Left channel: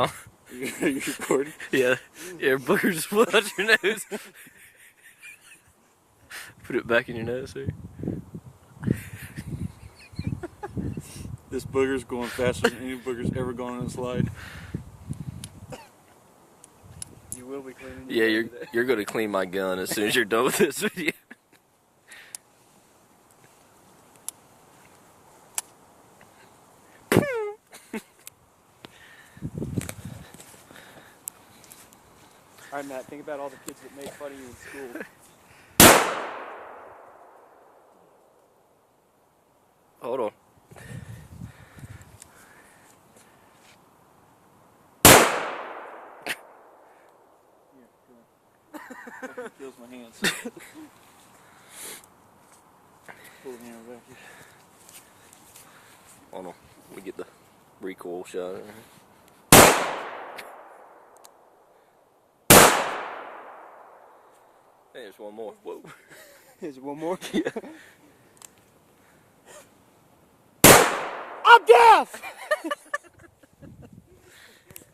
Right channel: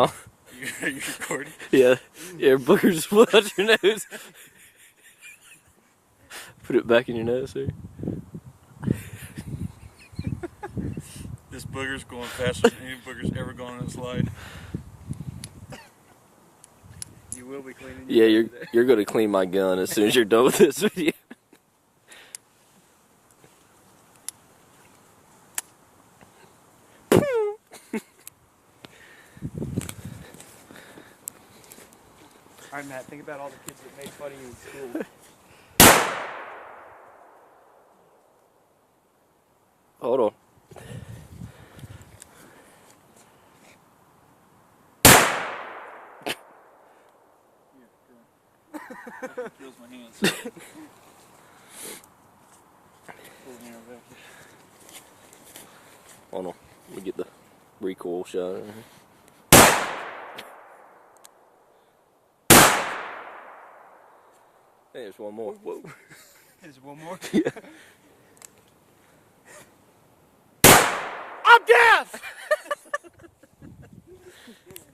Huh? Are you recording? Yeah. Yeah, boogers just flew out your nose. Put it back in your nose, see? This booger's going faster than any booger's ever gone on a slide. You will be cleaning Yeah, your you're gonna clean my gun as soon as you're done with this video. Alright, Matt, think about all the kids that made fun of you in school. Hold on. It feels my hands. Pull hands out. Hold on. Let me get the recoil shot in here. Hey, there's one more. Whoa. Here's one more. Yeah. I'm deaf!